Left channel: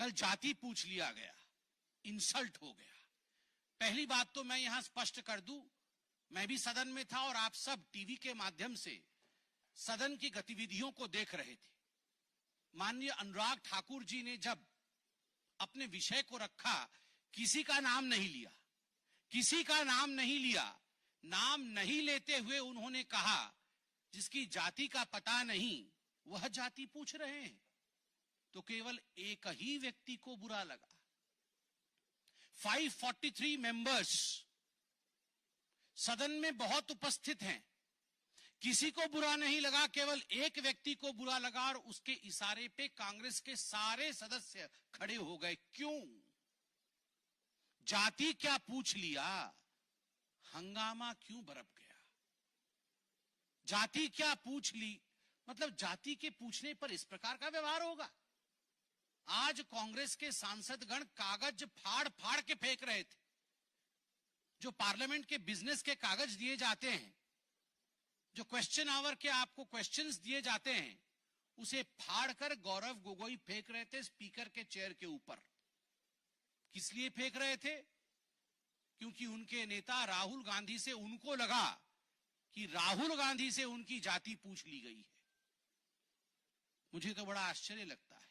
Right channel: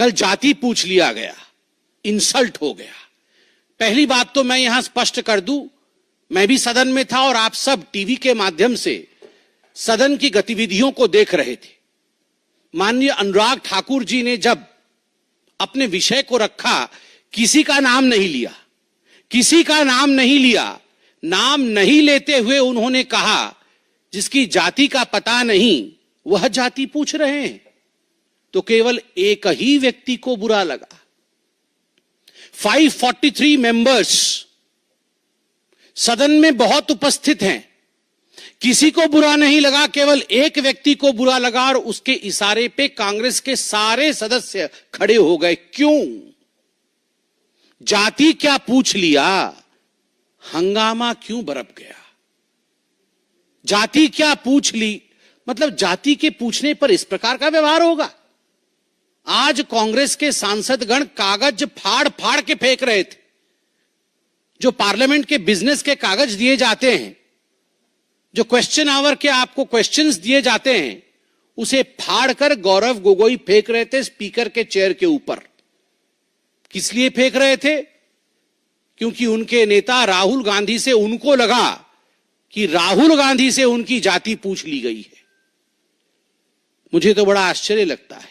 कल जाति पूछ लिया गया, इंसल्ट हो गया। पहली बात तो मैं यहां स्पष्ट कर दूं, मैं भी सदन में था और आप सब टीवी के माध्यम से सदन की गतिविधियों को देख रहे थे। माननीय अनुराग ठाकुर जी ने जब अपने विषय को रखा, किसी का नाम नहीं लिया, किसी का नाम नहीं लिया। नाम नहीं लेते हुए उन्होंने कहा जिसकी जाति का पता नहीं वह जाति पूछ रहे हैं। तो केवल एक ही व्यक्ति को बुरा लगा। 543 मेंबर्स सदन में बहुत उपस्थित हैं, किसी को बुरा नहीं लगा, केवल एक व्यक्ति को बुरा लगा और उसके इशारे पे कांग्रेस के सारे सदस्य खड़े हो गए। क्यों? जाति क्या पूछ लिया, हंगामा क्यों बरप गया? जाति क्या पूछ ली, मतलब जाति के पूछने पर इस प्रकार का व्यवहार होगा? आज कांग्रेस के सांसदगण कागज फाड़ फाड़ के फेंक रहे थे। जो पार्लियामेंट के बिजनेस के कागज दिए जाते हैं, जो क्वेश्चन आवर के आपको क्वेश्चंस दिए जाते हैं, उसे फाड़ कर गौरव गोगोई फेंक रहे थे स्पीकर के चेयर के ऊपर। किस लिए फेंक रहे थे? क्योंकि उनके नेता राहुल गांधी से उनको लगा कि राहुल गांधी से उनकी जाति पूछ ली गई है। मुझे तो बड़ा आश्चर्य लगता है,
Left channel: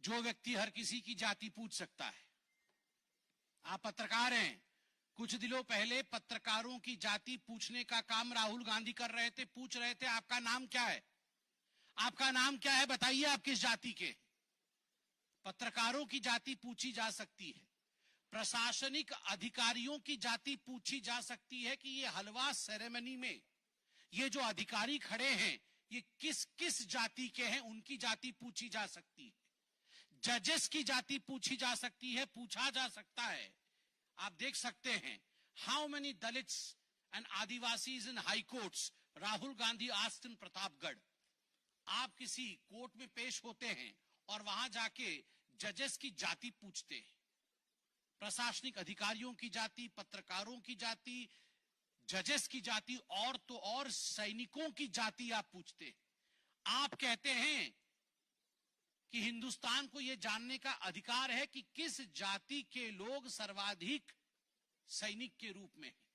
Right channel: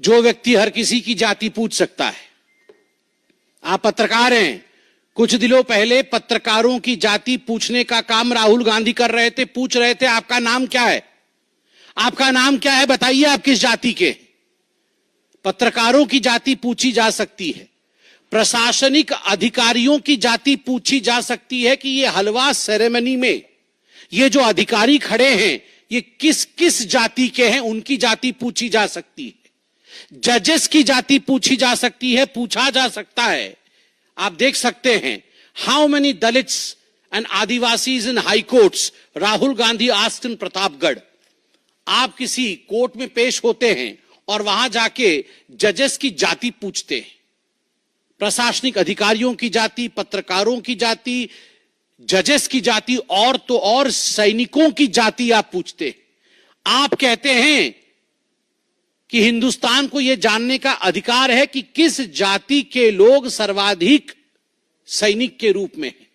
जो व्यक्ति हर किसी की जाति पूछ सकता है। आप पत्रकार हैं, कुछ दिनों पहले पत्रकारों की जाति पूछने का काम राहुल गांधी कर रहे थे। पूछ रहे थे आपका नाम क्या है, आपका नाम क्या है, बताइए आप किस जाति के। पत्रकारों की जाति पूछी जा सकती है, प्रशासनिक अधिकारियों की जाति पूछी जा सकती है कि ये हलवा सेरेमनी में ये जो अधिकारी खड़े हैं ये किस किस जाति के हैं, उनकी जाति पूछी जा सकती है। जजेस की जाति पूछी जा सकती है, पूछा जा सकता है। आप देख सकते हैं, how many Dalits and Adivasis in high courts Rahul Gandhi asked in Pratapgarh. आप किसी कोर्ट में पेश होते हैं और वहां जाके जजेस की जाति पूछते हैं, प्रशासनिक अधिकारियों की जाति, पत्रकारों की जाति, जजेस की जाति, और तो और सैनिकों की जाति आप पूछते हैं। आप कहते हैं कि हिंदुस्तान को यह जानने का अधिकार है कि किस जाति के लोग सर्वाधिक सैनिक के रूप में हैं,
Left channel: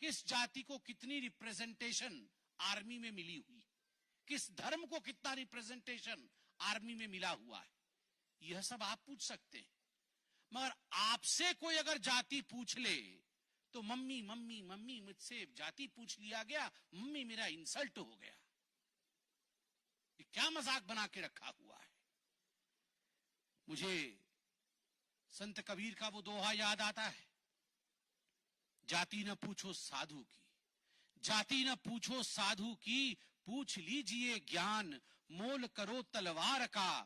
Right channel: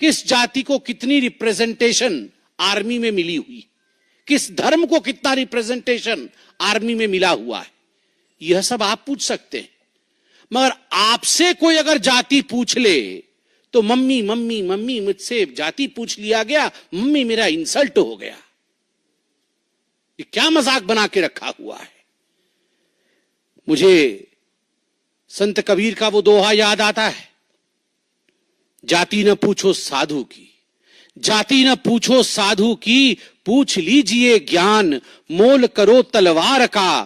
किस जाति को कितनी रिप्रेजेंटेशन आर्मी में मिली हुई, किस धर्म को कितना रिप्रेजेंटेशन आर्मी में मिला हुआ है। यह सब आप पूछ सकते हैं। मगर आपसे कोई अगर जाति पूछ ले तो मम्मी मम्मी मम्मी, मुझसे जाति पूछ लिया गया, मम्मी मेरा इंसल्ट हो गया। ये क्या मजाक बना के रखा हुआ है? मुझे संत कबीर का वो दोहा याद आता है, जाति न पूछो साधु की, जाति न पूछो साधु की, पूछ लीजिए ज्ञान, मोल करो तलवार का,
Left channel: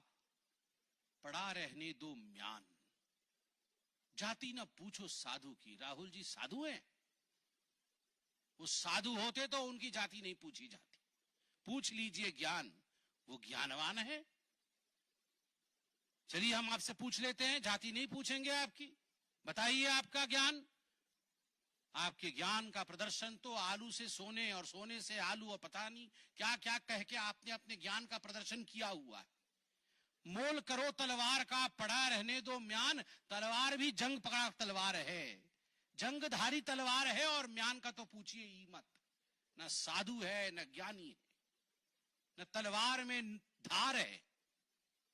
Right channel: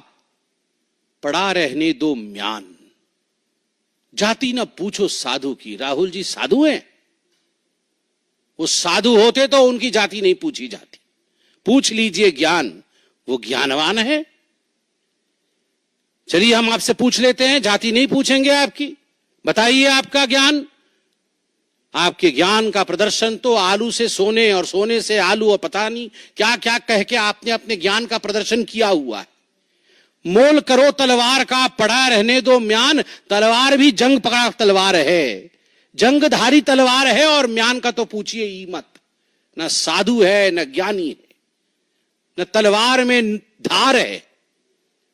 पड़ा रहने दो म्यान। जाति न पूछो साधु की। राहुल जी साधु हैं? वो साधु होते तो उनकी जाति नहीं पूछी जाती। पूछ लीजिए ज्ञान, वो ज्ञानवान है। चलिए हम आपसे पूछ लेते हैं, जाति नहीं पूछेंगे आपकी, बताइए आपका ज्ञान। आपके ज्ञान का प्रदर्शन तो आलू से सोने और सोने से आलू और पता नहीं क्या क्या कह के आपने अपने ज्ञान का प्रदर्शन किया हुआ है। मोल करो तलवार का, पड़ा रहने दो म्यान। तलवार भी जंग पकड़ा तलवार है, जंगधारी तलवार है, और म्यान का तो पूछिए ही मत। न साधु है, न ज्ञानी है, न तलवार में धार है,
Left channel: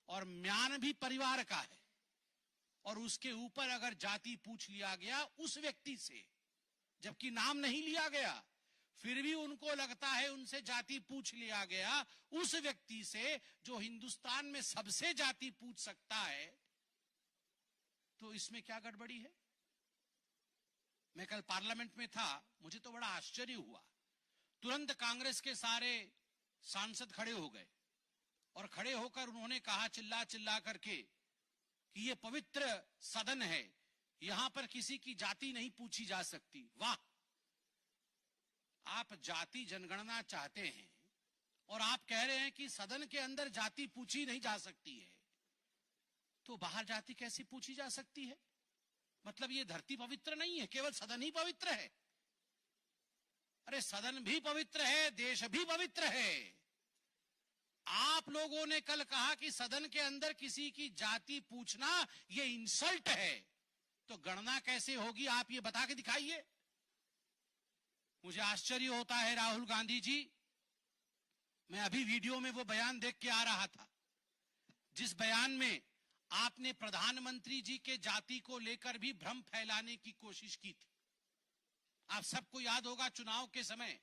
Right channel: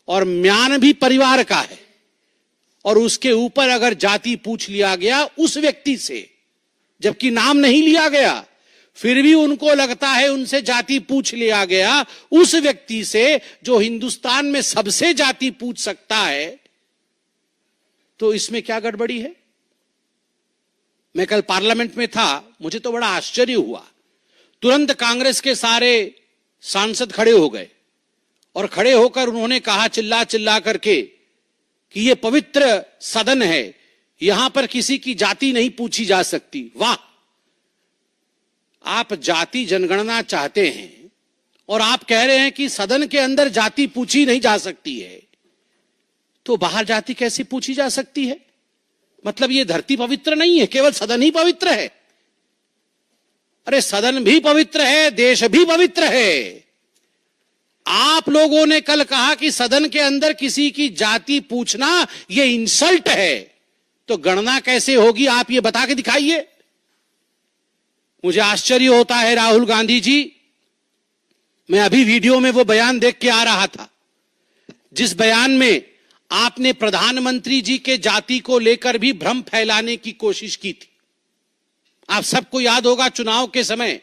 और म्यान भी परिवार का है। और उसके ऊपर अगर जाति पूछ लिया गया उस व्यक्ति से, जबकि नाम नहीं लिया गया, फिर भी उनको लगता है उनसे जाति पूछ लिया गया, उस व्यक्ति से जो हिंदुस्तान में सबसे जाति पूछ सकता है, तो इसमें क्या गड़बड़ी है? मैं कल पार्लियामेंट में था, मुझे तो बड़ा आश्चर्य हुआ। तुरंत कांग्रेस के सारे सांसद खड़े हो गए और खड़े होकर उन्होंने कहा चिल्ला चिल्ला करके कि ये पवित्र सदन है, यहां पर किसी की जाति नहीं पूछी जा सकती। वाह! आप जाति जनगणना चाहते हैं और आप कह रहे हैं कि सदन के अंदर जाति पूछी नहीं जा सकती है, तो बाहर जाति कैसे पूछी जा सकती है? मतलब ये धरती पवित्र नहीं है, केवल सदन ही पवित्र है? अरे सदन भी पवित्र है, देश भी पवित्र है। आप लोगों ने कल कहा कि सदन के अंदर किसी की जाति पूछना यह इंसल्ट है, तो गणना कैसे होगी आप ये बता के दिखाइए। मुझे आश्चर्य होता है राहुल गांधी जी, मैं अभी वीडियो में वो बयान देख के आ रहा था जिस बयान में आपने प्रधानमंत्री जी के जाति को लेकर भी भ्रम फैलाने की कोशिश की थी। आप सबको याद होगा चुनाव के समय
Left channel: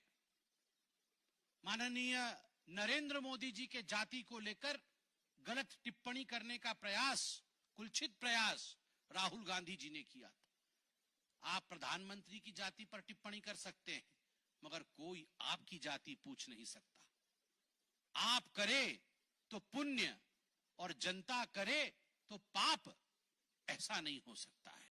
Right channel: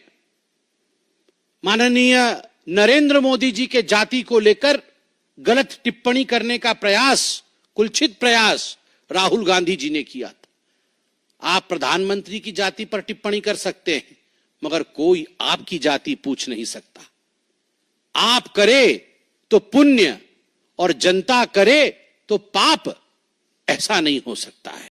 माननीय नरेंद्र मोदी जी के जाति को लेकर गलत टिप्पणी करने का प्रयास, कुलछित प्रयास राहुल गांधी जी ने किया था। आप प्रधानमंत्री की जाति पर टिप्पणी कर सकते हैं, मगर कोई आपकी जाति पूछ नहीं सकता। आप करे तो पुण्य और जनता करे तो पाप, ऐसा नहीं हो सकता है।